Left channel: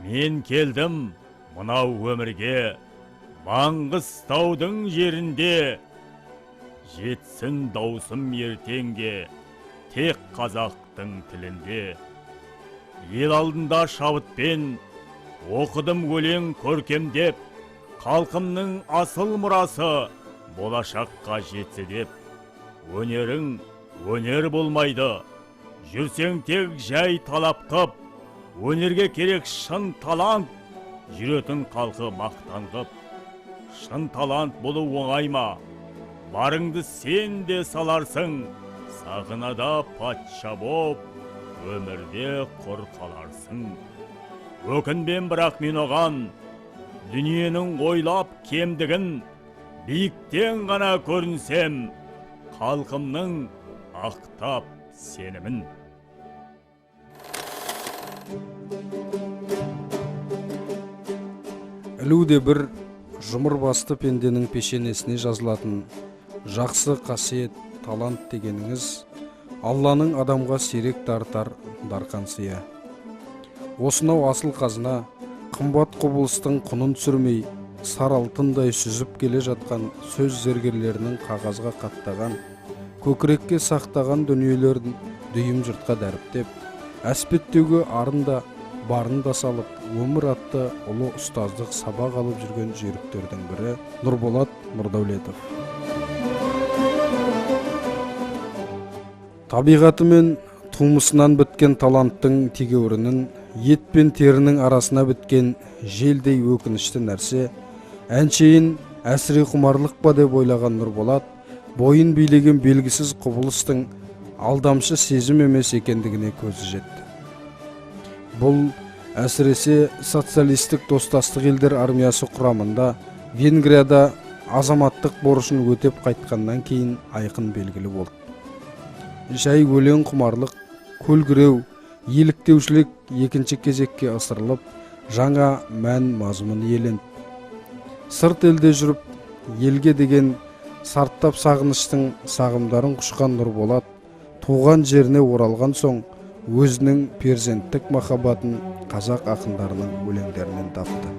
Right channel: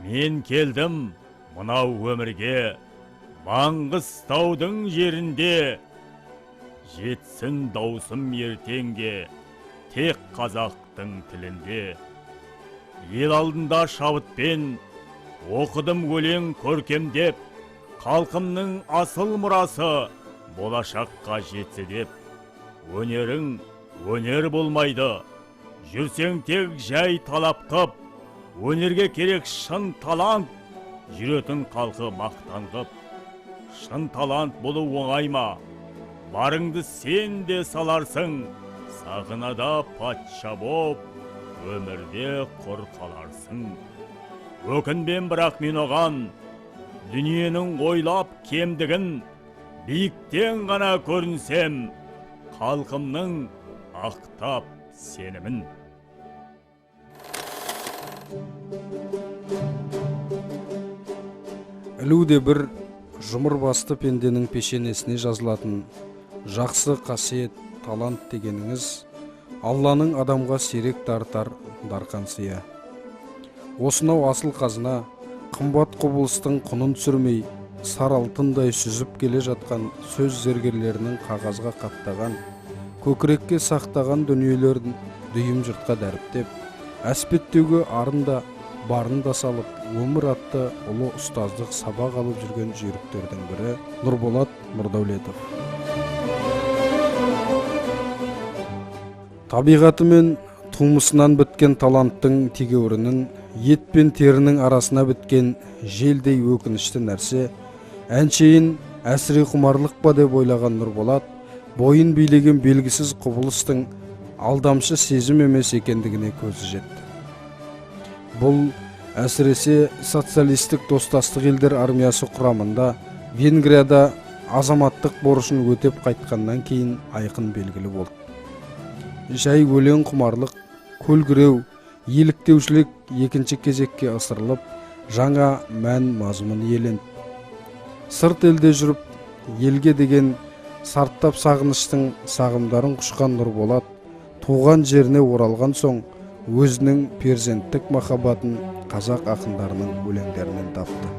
Мен келдім мынау өмірге, Маңғыстаудың жерінде. Жетсін даусым ертеңге, тек қазақтың тілінде. Ел алдында шабытпен, оқыдым өлең көркемдеп, халқымның асыл мұрасы болашаққа жетсе деп. Өнерің өнер болмайды, жүрсең тек жай талап қып. Өнерге керек шын талант, жүретін халқы мақтан қып. Шын талант болу оңай ма? Барыңды сен де саларсың, сағынада патша боп, өмірде құр қаларсың. Өкінбен бірақ мен оған, дүниенің ойлап кемдігін, биіктен ғана көрінсем, халқымның ақтап сенімін. Ілуде бір жұмыр басты пенденің пешенесіне жазылатын жақсы қасиет, талант дегеніңіз Алланың адамға сирек тартар дарқан сия. Осынау асыл қазына, қымбат құбылыстың құнын түсірмей, сар алтындай сүзіп келе жатқан сөз зергерлерінің қағазға қаттаған, көкірекке сақтаған дүниелерін дүйім жұртқа дәріптеп, әспеттеуге арында барында салып, өмір атты ұлы ұстаздық сабақ алып жүрген жүйріктердің бірі Нұрболат Нұрдәулетов. Табиғаты мен тумысынан біткен таланттың тегеурінін, ет пен терінің арасына біткен желдей өкінішті нәрсе, әншейін әсіре құмарлық па деп ойлаған Нұрболат, бойын билеген белгісіз құбылыстың алдамшы сезім емес екендігіне көзі жетті. Бұл әсіресе социалистік достастық елдер армиясы құрамында Венгрияда азаматтық борышын өтеп қайтқаннан кейін айқын белгілі болды. Жай өлең құмарлық, көлгіреу, еліктеушілік екінші кезекке ысырылып, жаңа мән мазмұн иеленді. Сырт елде жүріп, елге деген сарттап сағыныштың сағымдарын құшқан Нұрболат, туған жеріне оралған соң, өзінің перзенттік махаббатын қазақ ақындарының өлеңдерінен тапты.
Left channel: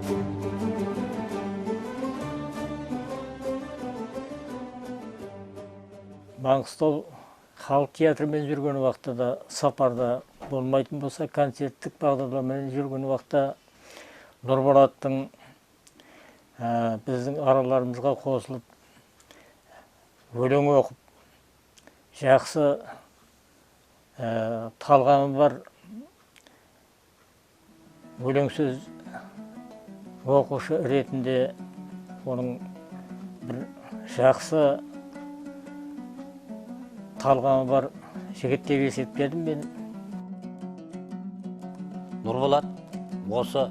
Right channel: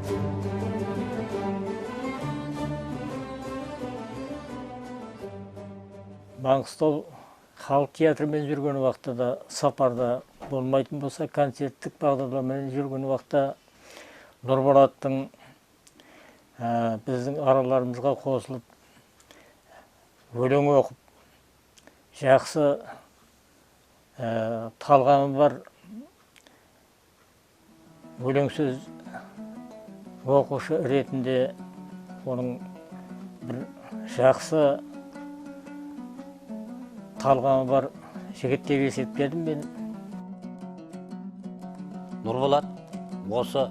Маңғыстау халық театрымен жүрген уақытта, сапарда болмайтын болса, концерттік бағдарламамен жүрген уақытта Нұрболаттың біздің араларымызға қосылып, өлең оқып, жақсы талғамы бар өлең сөз оқушы ретінде оның бір жақсы талғамы бар жігіт деп есептедім мен. Нұрболат осы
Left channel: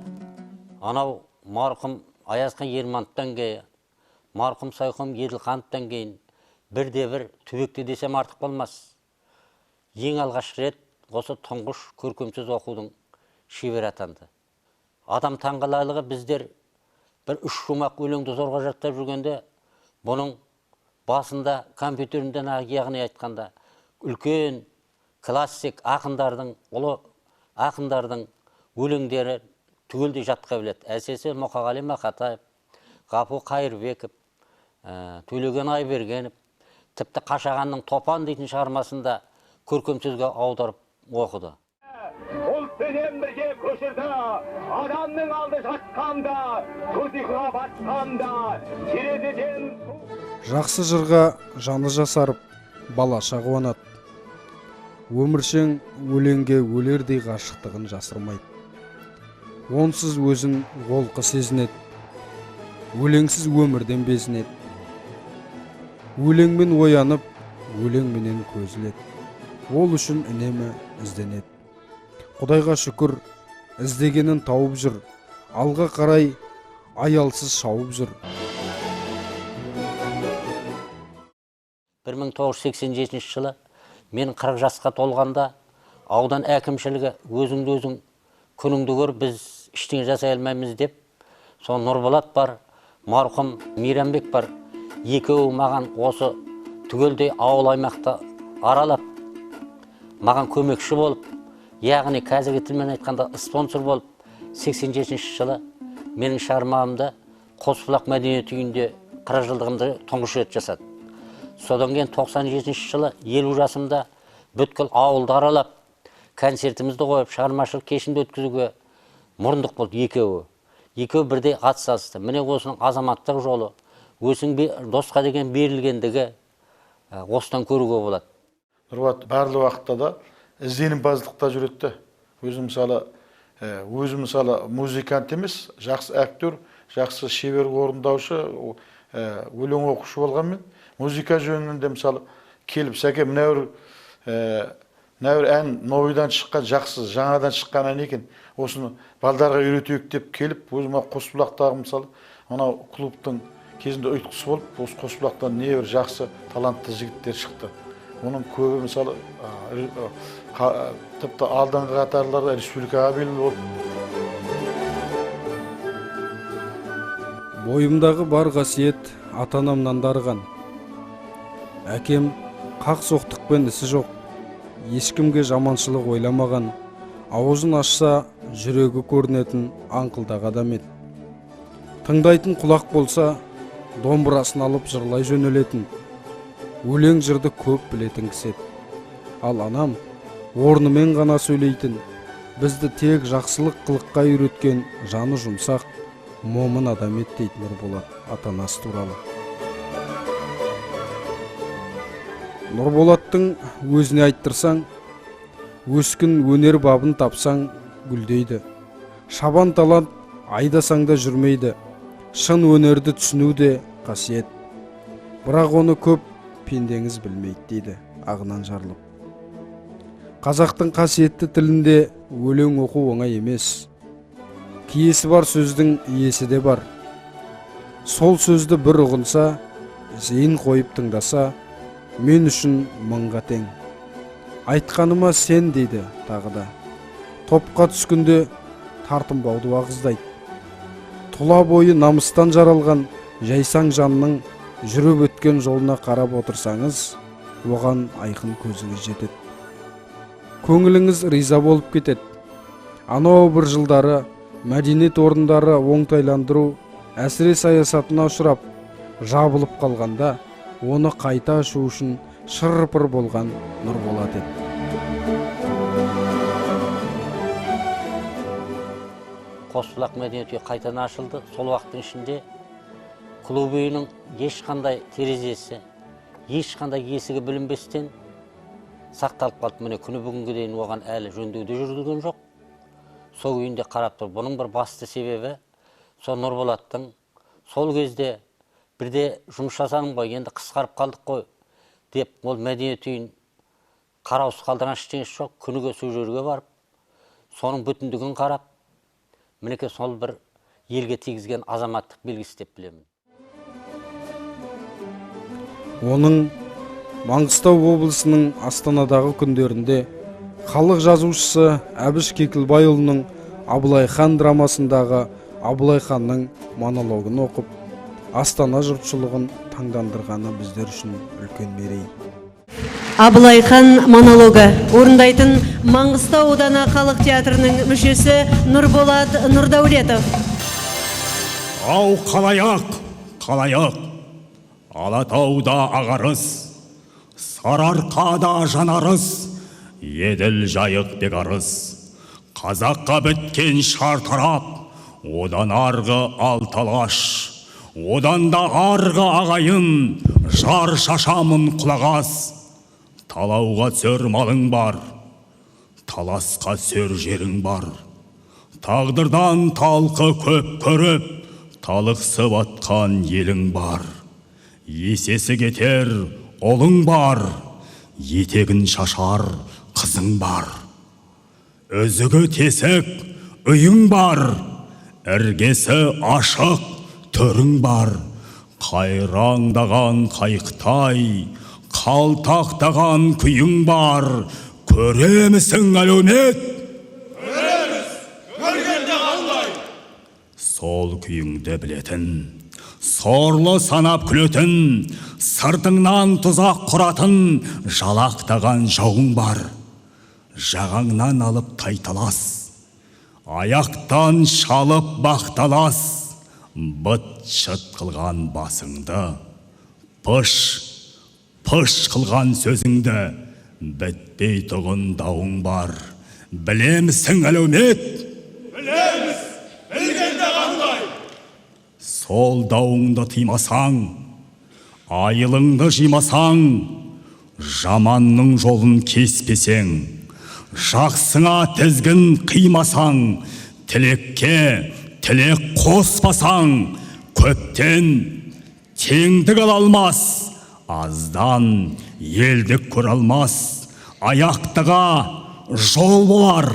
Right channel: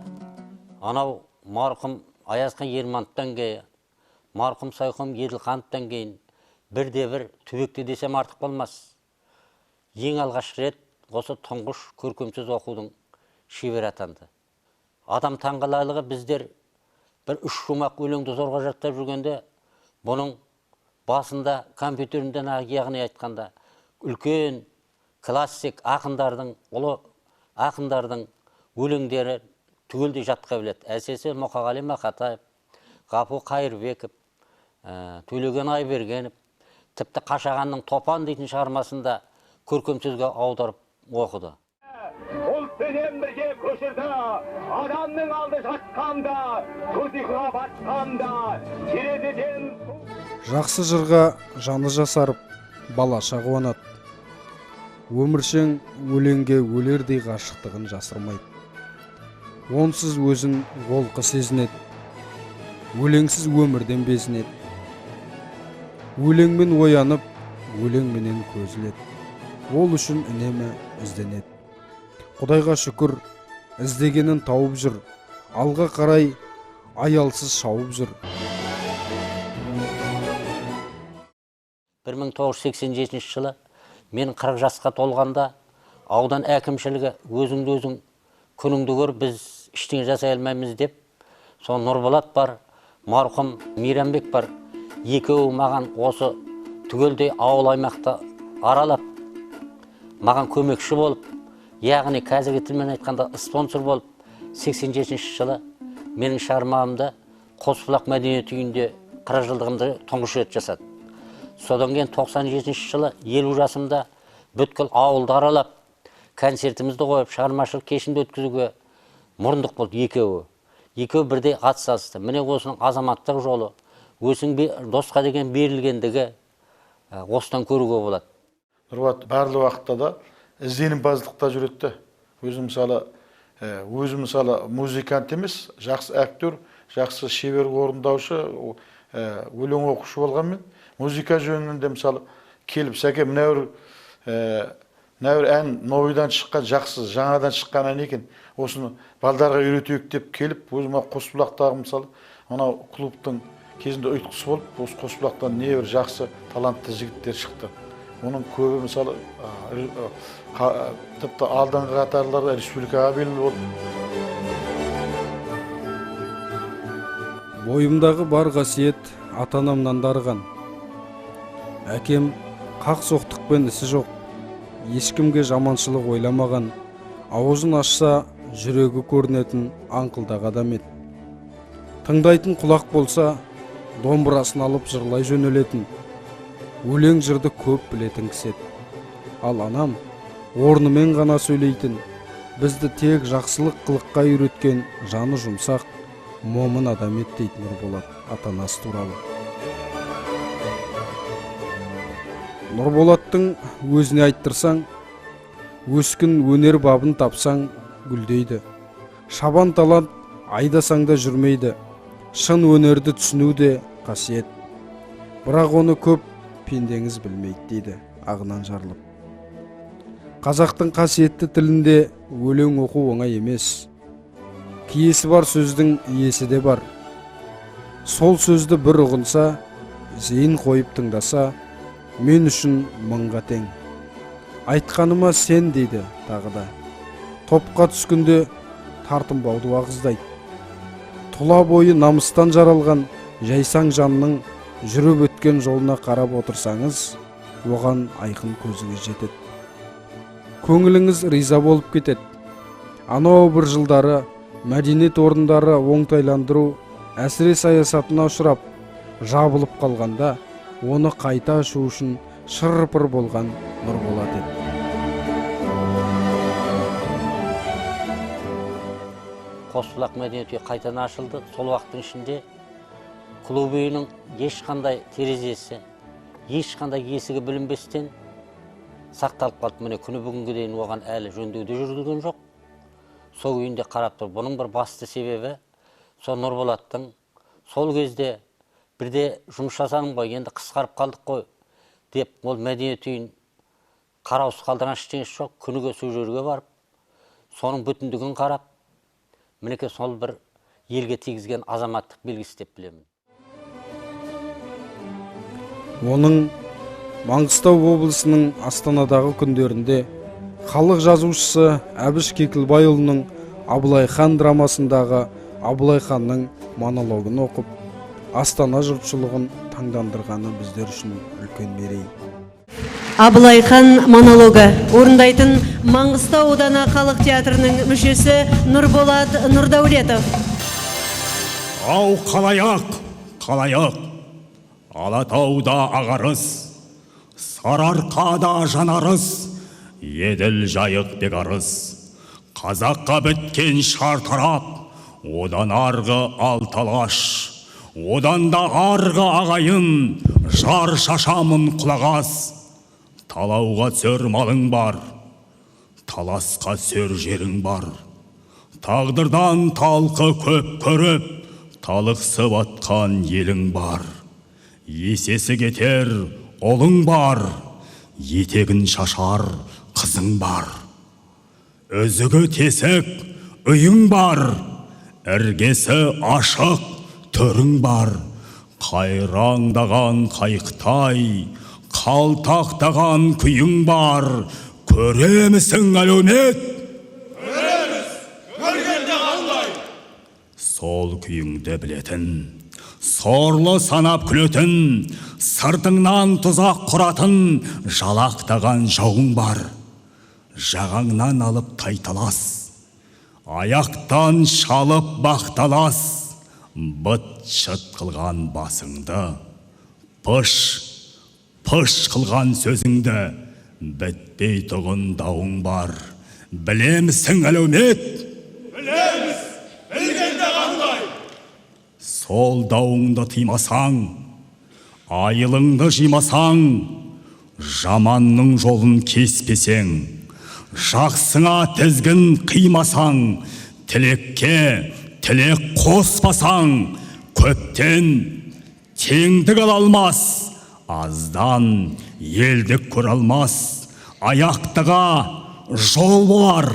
анау марқұм Аязхан Ермановтан кейін, марқұм Сайқым Еділхановтан кейін бірде-бір түбекте десем артық болмас. Ең алғаш рет осы тұңғыш көркемсөз оқудың шебері атанды. Адам таңғаларлығы біздер бір үш шумақ өлеңді зорға жаттап жүргенде, бұның басында компьютерінден яғни айтқанда үлкен классик ақындардың, ұлы ақындардың өлеңдері түгелдей жатқа біледі. Әсіресе Мұқағали Мақатаев, Ғафу Қайырбеков, Төлеген Айбергенов, тіпті Қашағанның Топан дейтін шығармасында көркемсөзге аударып оқыды. Ұлтпенен бірге көшірді, адамның алды жатқанда, көзіға батқанда, терезеден... Жақсы жырға жаны жасарып, балаша қуанады. Өміршең өлеңге өлердей ғашықтығын жасырмайды. Онсыз өзін олқы сезінеді. Өлеңсіз өмірден безінеді. Өлеңмен оянып, өлеңменен көзіледі. Ол үшін үнемі ізденеді. Құдайға шүкір, іздегенін тауып жүр. Алға қарай аялсыз шауып жүр. 1987 жылы мен 40 жасқа толғанда аудан әкімшілігі өзіңді өзің күніңді көр, біз іштеңе жасай алмаймыз деп, сол Нұрболат бар, марқұм Мейрамбек бар, екеуі маған осы түгелдей ауыл аймақты аралап, маған көмекші болып, яғни қазіргі тілмен айтқанда спонсор болып, 87 жылы менің шығармамды Қосбұлақ мәдениет үйінде 40 жылдығымды тұңғыш рет жасады. Содан кейін 97 жылы 50 жасымда бүткіл ауылды аралап, концертімізді қойып, шығармашылық кешімді өткізуге мұрындық болды екеуі. Екеуі бірдей атсалысты. Міне осының азаматтық жолы, өзінің досқа деген берілгендігі осыдан көруге болады. Нұрболат барлық уақытта да ізденімпаздықта жүреді. Өзі мысалы музыкант емес, жақсы актер, жақсы шебер орындаушы, өлең оқушы болғанмен, музыка жөнінде мысалы келіп, сәке мынау ән новыйдан шыққан, жақсы, жаңадан шыққан ән екен, осыны балдарға үйретейік деп келіп, өзіме Қосбұлақтағы мысалы, мынау клубтың кезінде ұйытқысы болып, осы Қосбұлақтан небір жақсы талантты жігіттер шықты. Оның көбі мысалы тіпті алдыңғы қатарларда республикаға белгілі болды. Қосбұлақ мәдениет үйі қайтадан ашылды. Сол уақыттың ішінде клуб үйінің ешқандай терезесі, ешқандай есігі білінбестен сақталып қалды. Міне күні бүгінге дейін оған әлі жөндеуде жүргізілген жоқ. Сол үйінде қарап тұр. Бұның бір басты себебі сол Нұрболаттың сол кезде бірде жұмыс жасадым ғой, енді қысқарып қалдық қой деп, ол мәдениет үйін қараусыз қалдырған ештеңесі жоқ. Күніге сол жерге барып, соның бүтіндігін қарап, мінекей сол бір елге тигізген азаматтық белгісі деп білемін. Абылайхан монологы орындайтын Маңғыстау ауданы халық театрының мүшесі Нұрболат Нұрдәулетов. Ау қалайық, қалайық, Алатауда ағарыс, Сарыарқада жанарыс, Еділ жайық бегарыс. Қазаққа біткен шартарап, одан арғы алталаш, одан да арғы ағайын, жар шашамын құлағас. Талауға сөр малың бар, таласқа сөр жерің бар. Тағдырдан талқы көп көріп, талықсып атқан елің бар. Есесі кетер ұлың бар, етегін шашар қызың бар. Өзігі тесік үйің бар, іргесі ашық түрің бар. Қайраңдаған қайықтай, қалтақтаған күйің бар. Көремісің әлеумет? Көреміз, көргенде қандай. Сол күйіңді білетін, сорлы санап күлетін, сыртыңнан тұзақ құратын жалақтаған жауың бар. Жағаңнан алып тайталас, аяқтан шалып бақталас, быт-шыт қылған басыңды, пыш қылған сөзіңді, бітпей тұғын дауың бар. Білемісің әлеумет? Білеміз, білгенде қандай. Сол дауыңды тыймасаң, айылыңды жимасаң, жаманның жолын кеспесең, жақсыңа тізгін қимасаң, тілекке тілек қоспасаң, көптен теңдік ала алмас, аздан елдік көре алмас. Аяқтыға жол болар,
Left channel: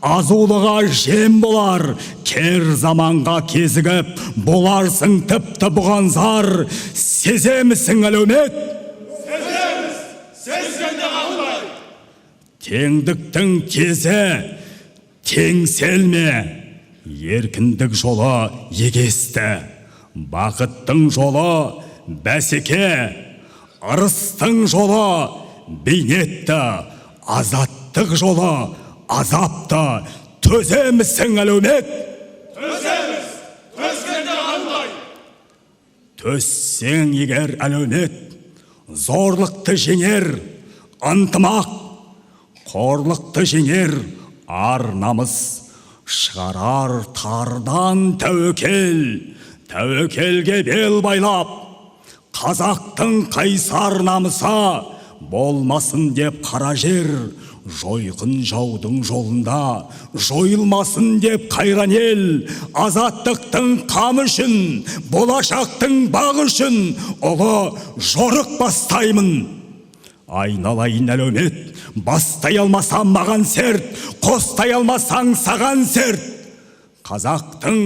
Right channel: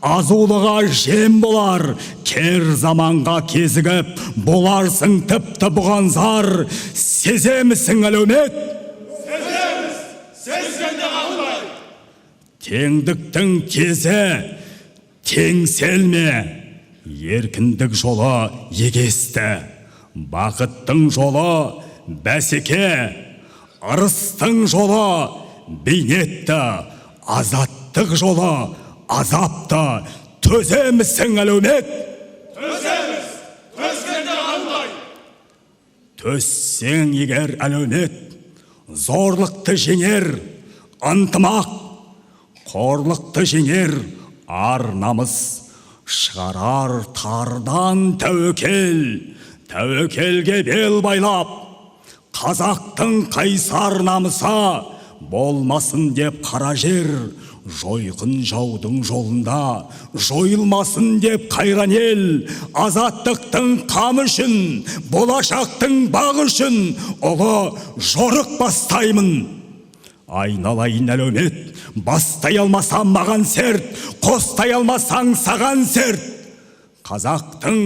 азулыға жем болар, кер заманға кезігіп, боларсың тіпті бұған зар. Сеземісің әлеумет? Сеземіз, сезгенде қандай. Теңдіктің кезі теңселме, еркіндік жолы егесті, бақыттың жолы бәсеке, ырыстың жолы бейнетті, азаттық жолы азапты. Төземісің әлеумет? Төземіз, төзгенде қандай. Төссең егер әлеумет, зорлықты жеңер ынтымақ, қорлықты жеңер ар намыс, шығарар тардан тәуекел, тәуекелге бел байлап, қазақтың қайсар намыса болмасын деп қара жер, жойқын жаудың жолында жойылмасын деп қайран ел. Азаттықтың қамы үшін, болашақтың бағы үшін ұлы жорық бастаймын. Айналайын әлеумет, бастай алмасам маған серт, қостай алмасаң саған серт. Қазақтың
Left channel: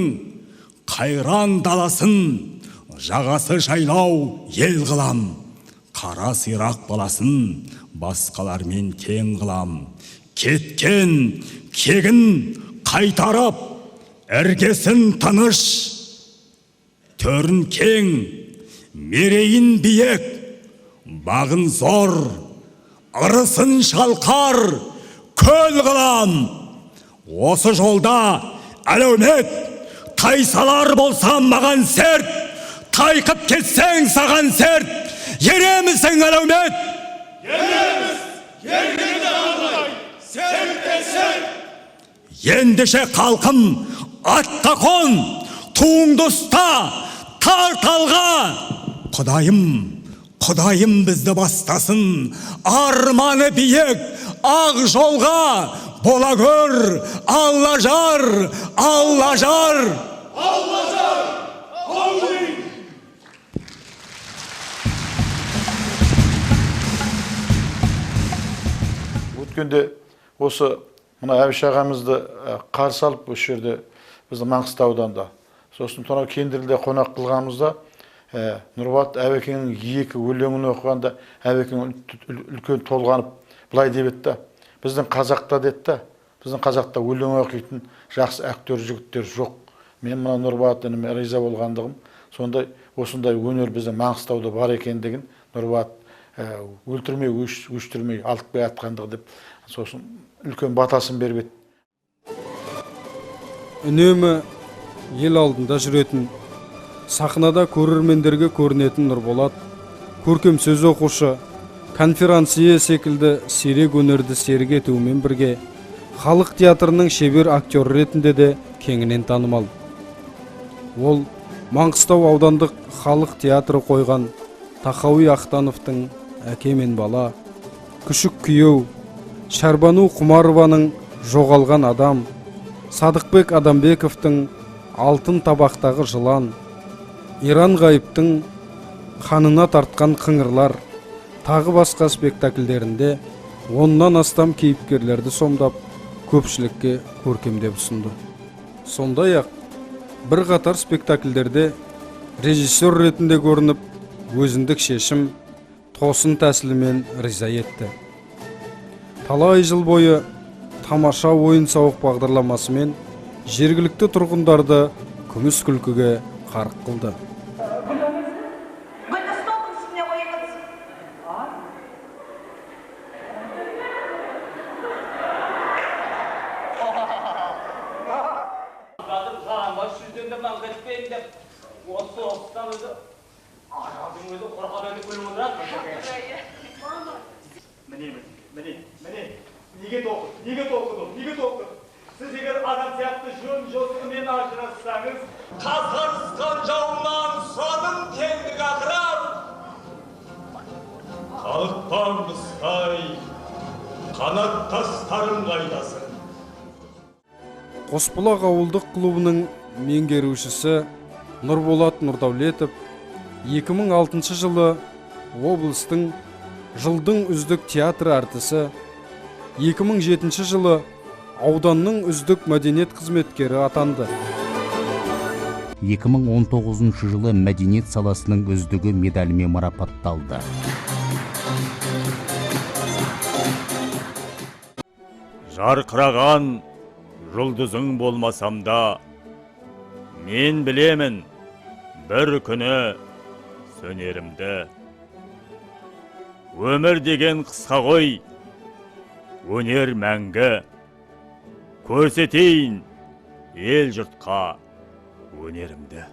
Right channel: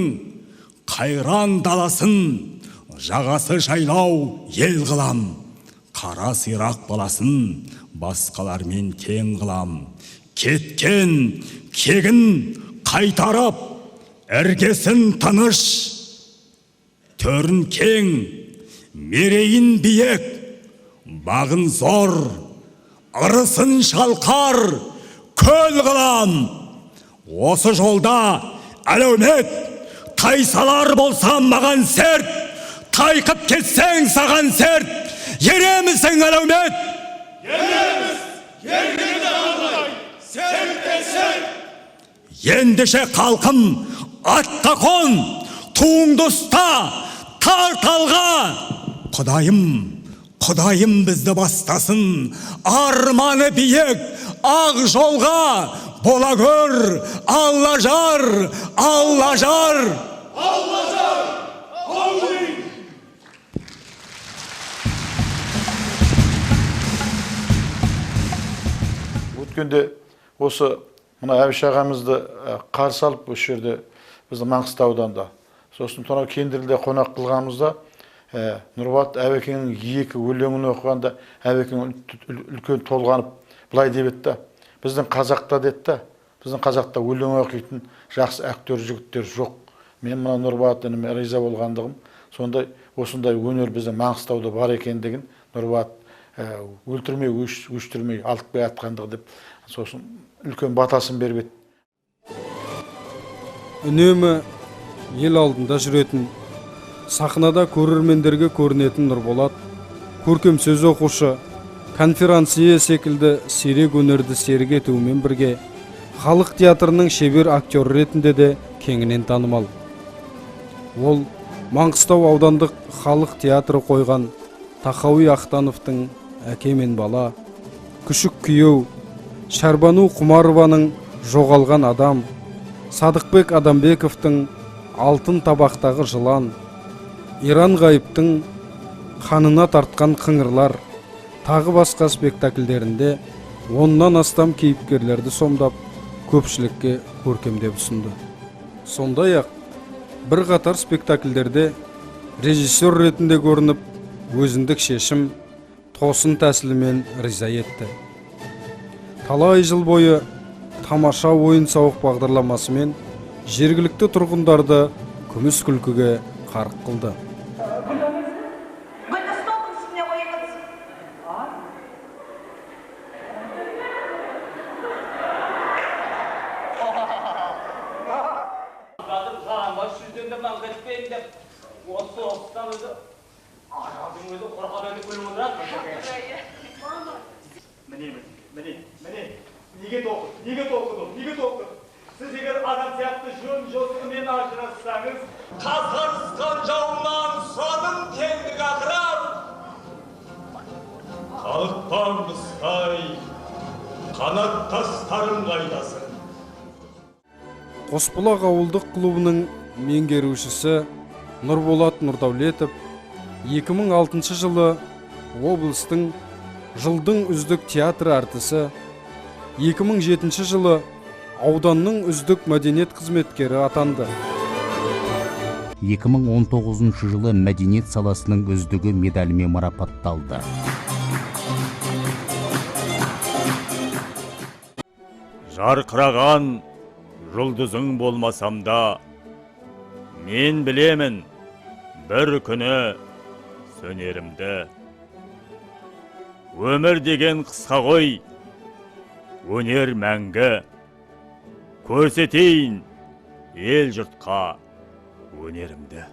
қайран даласын жағасы жайлау ел қылам. Қара сирақ баласын басқалармен тең қылам. Кеткен кегін қайтарып, іргесін тыныш, төрін кең, мерейін биік, бағын зор, ырысын шалқар, көл қылам. Осы жолда әлеумет, тайсалар болсам маған серт, тайқып кетсең саған серт. Еремісің әлеумет? Ереміз, ергенде қандай. Серттесең. Ендеше қалқым, атқа қон, туыңды ұста, тарт алға. Құдайым бізді бастасын, арманы биік, ақ жолға. Бола көр, Алла жар, Алла жар. Алла жар, Аллин. Өткенде осы мына Әбіш ағамызды қарсы алып осы жерде біздің Маңғыстау ауданында, сосын сонау Кендірлде қонақ қылғанымызда Нұрболат Әбекеңнің екі өлеңін оқығанда Әбекең үлкен толғанып былай деп еді: біздің қазақта деді, біздің қазақта өлең оқитын жақсы актер жігіттер жоқ. Мен мына Нұрболат ініме риза болғандығым, сондай осындай өнер біздің Маңғыстауда бар екендігін Нұрболат өлтірмей, өштірмей алып келе жатқандығы деп, сосын үлкен батасын беріп еді. Oyundan кетпейін деп, осы оқыстан өзі, арадың өзі қорған өді күліп отырады. Міне, неге тоқыдым? Сіз егер адам сияқты жөн жосымен ажырассаңыз, Қасқырысқан жауынан сұрадым теңдік ақырап. Қалықпаңыз қай, қанат тастарың қайдасын. Қосбұлақ ауылдық клубының меңгерушісі Нұрболат Нұрдаулетов 2006 жылы облыстың жылдың үздік театр әртісі, 2007 жылы ауданның үздік мәдениет қызметкері атанды. 2019 жылы мәдениет саласының үздігі медалімен марапатталды. жарқыраған жұлдызың болмасам да, мен білемін бір күні сөнерімді. Өмір деген қысқа ғой, өнер мәңгі. Көрсетейін ел жұртқа өнерімді.